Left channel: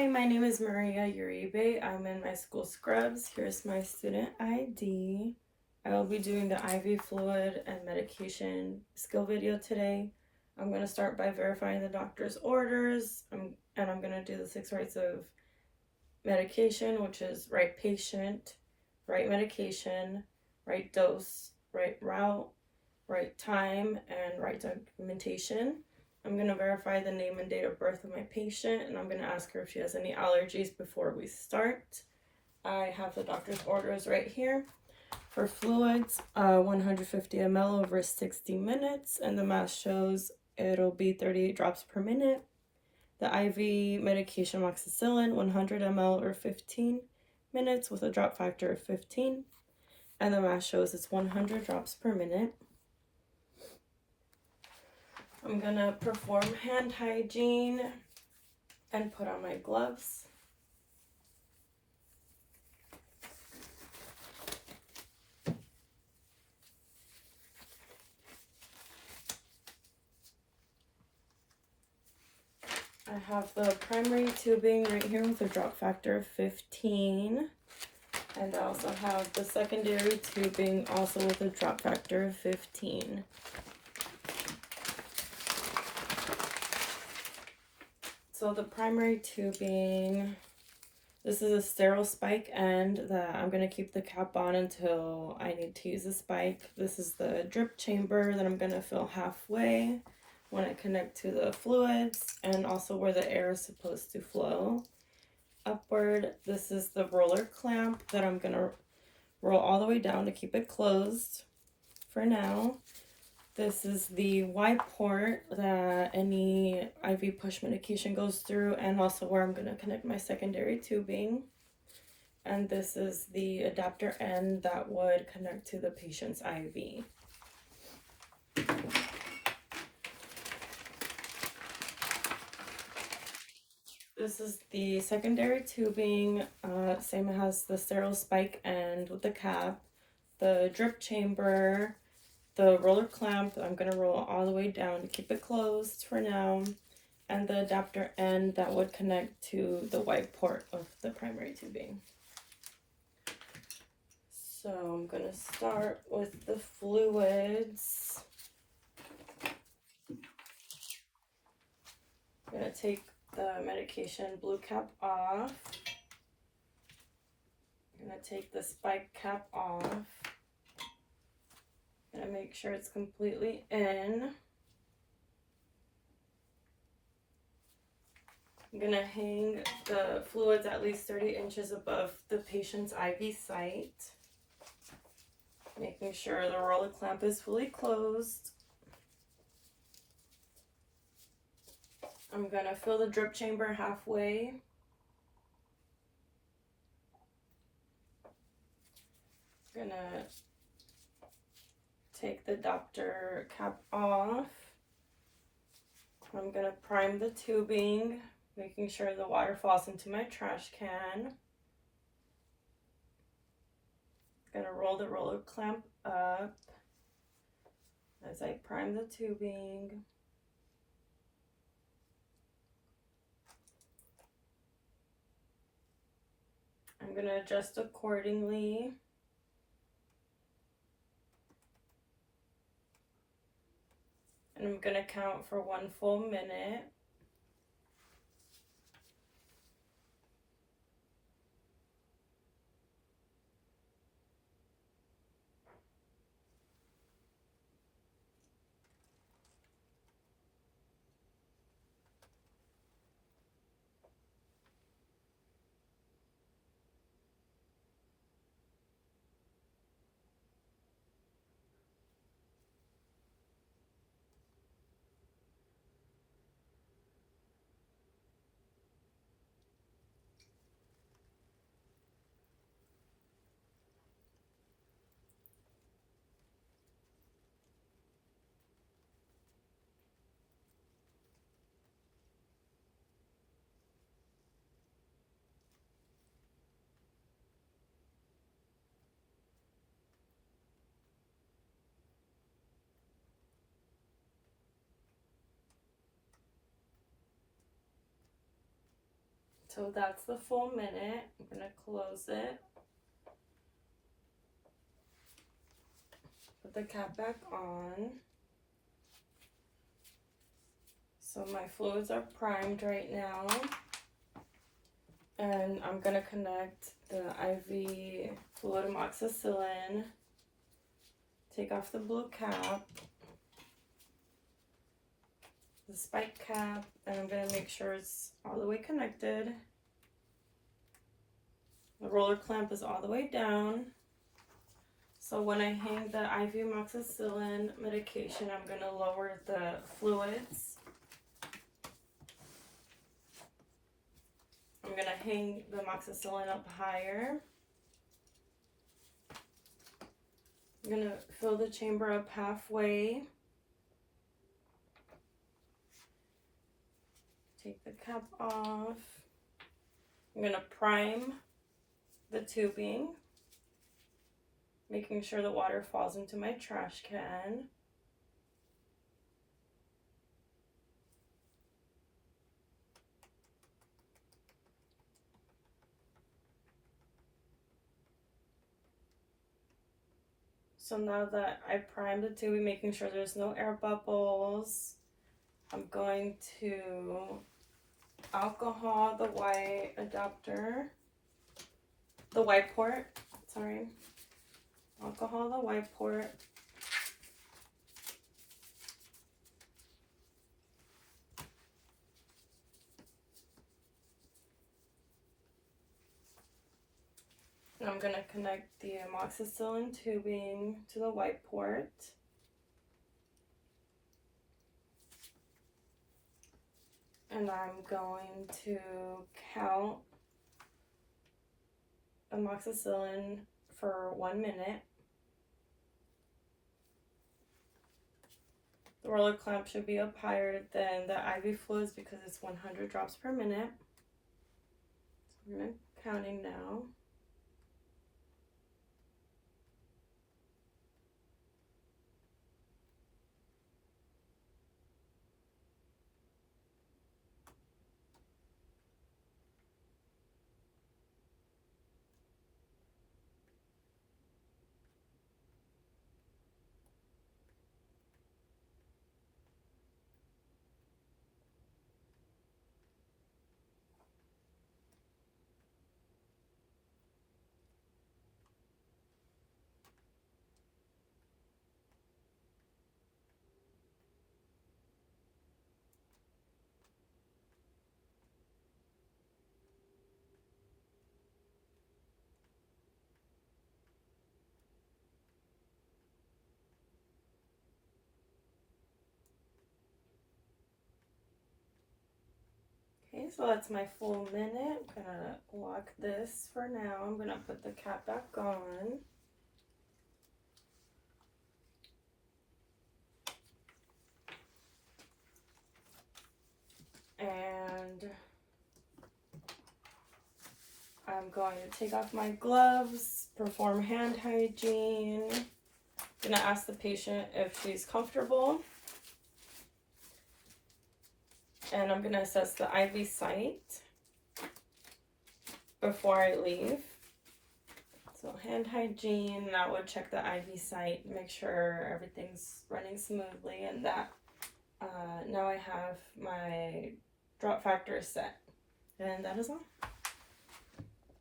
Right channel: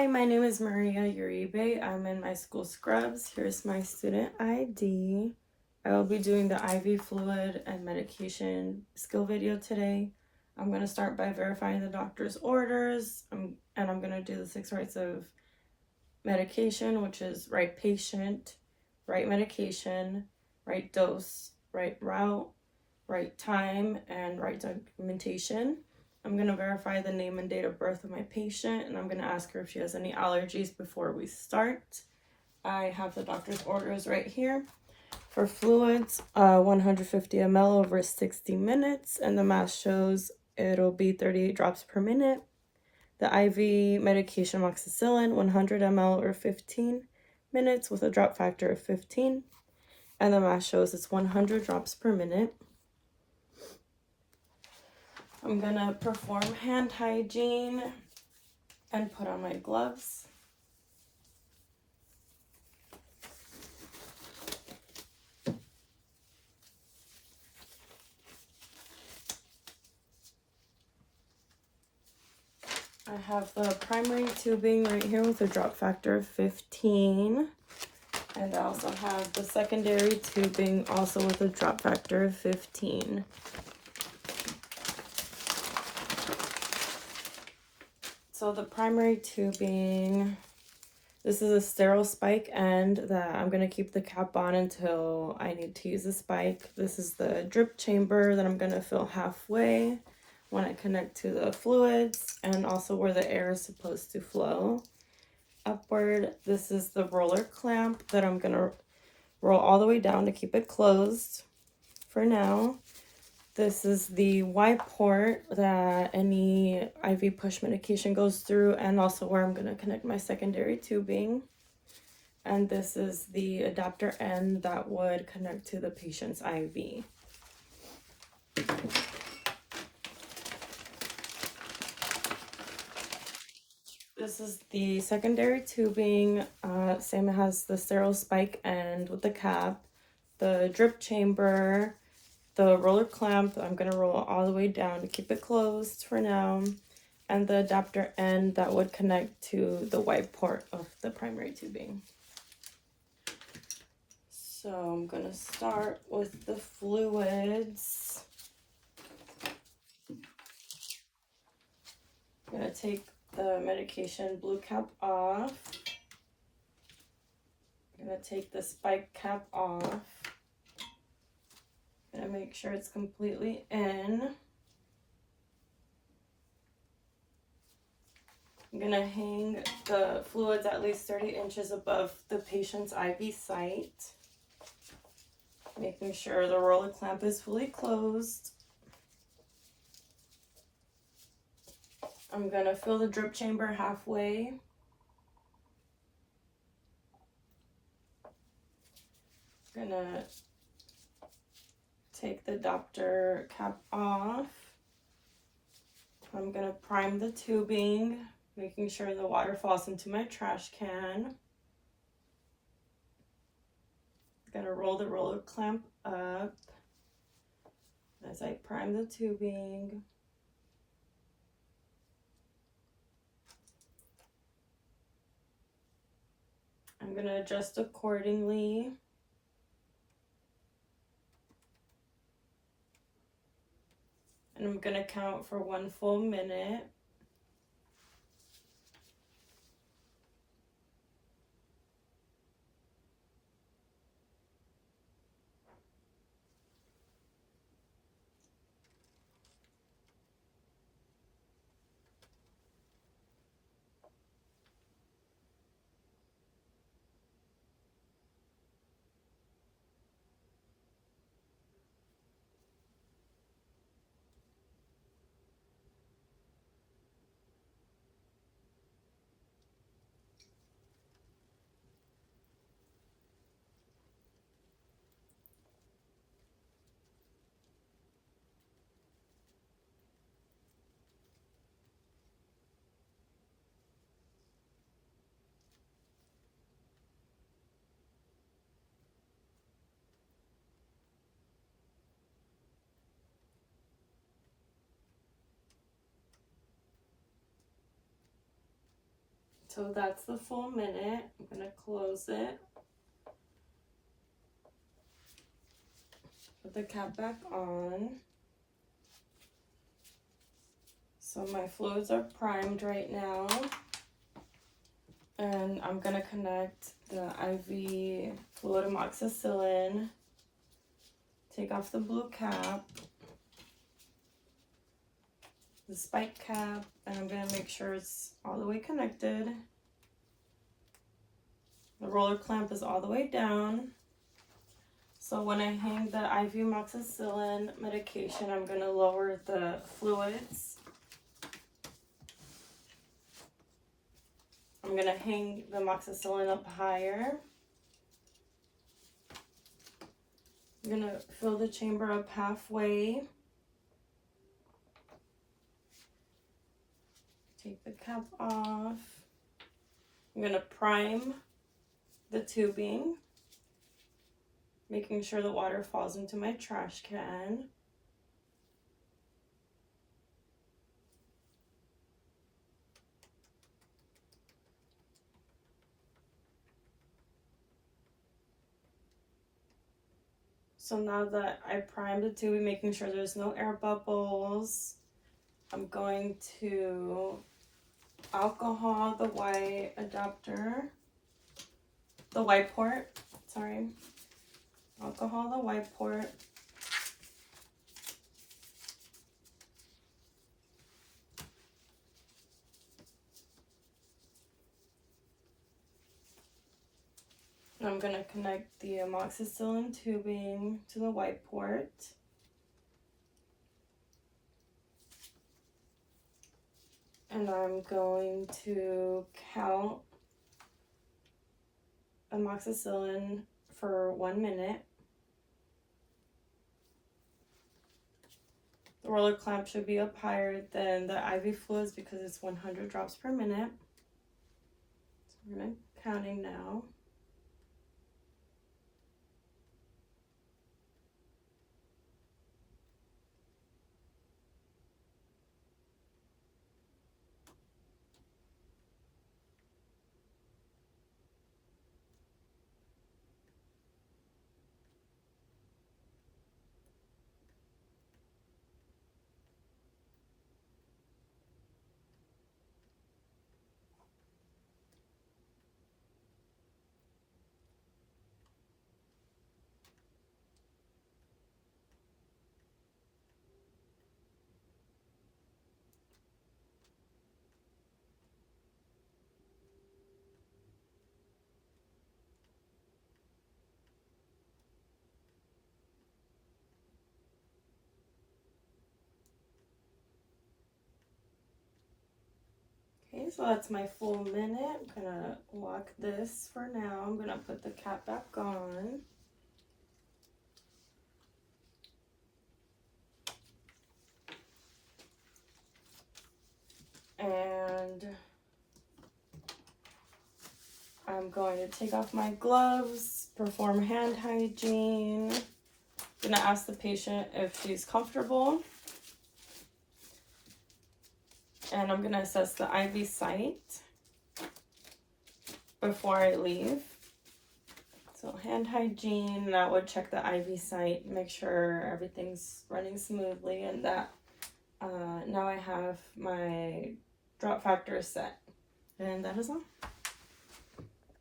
Hi, my name is Maria Uribe. I'm in my school scrubs. Here's my student ID. I will be doing the IV fluid and medication skill video today. I'm going to start by verifying the doctor's orders, and I'm going to do the 6 rights of medication, which is right patient, right medication, right dose, right route, right time, and right documentation. I'm going to verify the name and date of birth of my patient, and I'm going to ask her if she has any allergies before we start. I have the doctor's orders right here. For fluids, 150 ml over 60 minutes, and the math shows it'll be 38 drops per minute. The IV medication amoxicillin, 100 ml over 15 minutes with a drop factor of 15, and the math shows it's 100 drops per minute. I'm gonna perform hand hygiene and put on my gloves. I have the primary tubing right here with a drop factor of 15. And I also have the secondary tubing also with a drop factor of 15. So the primary tubing, this is a sterile spike end that I'm going to keep the cap on until I need to use the spike. This is the drip chamber that I'm going to fill halfway when I connect to the fluids, and also where the air is supposed to flow upward. This is the roller clamp that I'm going to roll all the way down to keep it closed for now. This is the Y port that any IV push medication goes through, and also where I'm going to connect my secondary tubing. And this is the adapter end that would connect to the patient's IV. This is the secondary tubing, same as the sterile spike end with the cap, the drip chamber, the roller clamp. I'm going to roll all the way down to keep it closed for now, and the adapter end that would connect to the white port of the primary tubing. So I'm going to start with the fluids. I'm going to take the medication blue cap off. I'm going to take the spike cap off. I'm going to make sure it's completely in. I'm going to hang the fluids at least 30 inches above the patient's IV site, making sure the roller clamp is fully closed. I'm going to fill the drip chamber halfway. I'm going to take the doctor cap off. I'm going to prime the tubing, making sure the water falls into my trash can. I'm going to roll the roller clamp up as I prime the tubing. I'm going to adjust accordingly. And I'm going to count for 1 full minute. So that's the full minute. I'm gonna close it. Put the cap back on. So my fluids are primed right now. And I'm gonna connect the IV fluid amoxicillin. Take off the blue cap, the spike cap, and I'm gonna make sure it's all the way connected. The roller clamp is all the way down. So when I hang the IV amoxicillin medication, I'm gonna lower the fluids. I'm gonna hang the amoxicillin up higher. I'm gonna fill the chamber up halfway. Take the cap off. I'm gonna prime the tubing, making sure the water falls into my trash can. So now that I primed the tubing, making sure there's no air bubbles, I'm going to alcohol the white adapter, the white port, sorry. Alcohol the white port. And I'm gonna connect the amoxicillin tubing to the white port. And I'm going to count amoxicillin for 1 minute. The roller clamp should be up higher than the IV fluids because it's 100 drops per minute. So I'm counting now. Okay, so that's my full minute. I'm gonna lock this for now. I'm gonna put the cap back on. And I'm going to take off my gloves, perform hand hygiene. I'm gonna ask the patient if she's comfortable. And I'm gonna assess the IV site before I leave. So hand hygiene, that would check the IV site, make sure everything's running smoothly, and that now I have my drop factor set. And that is all.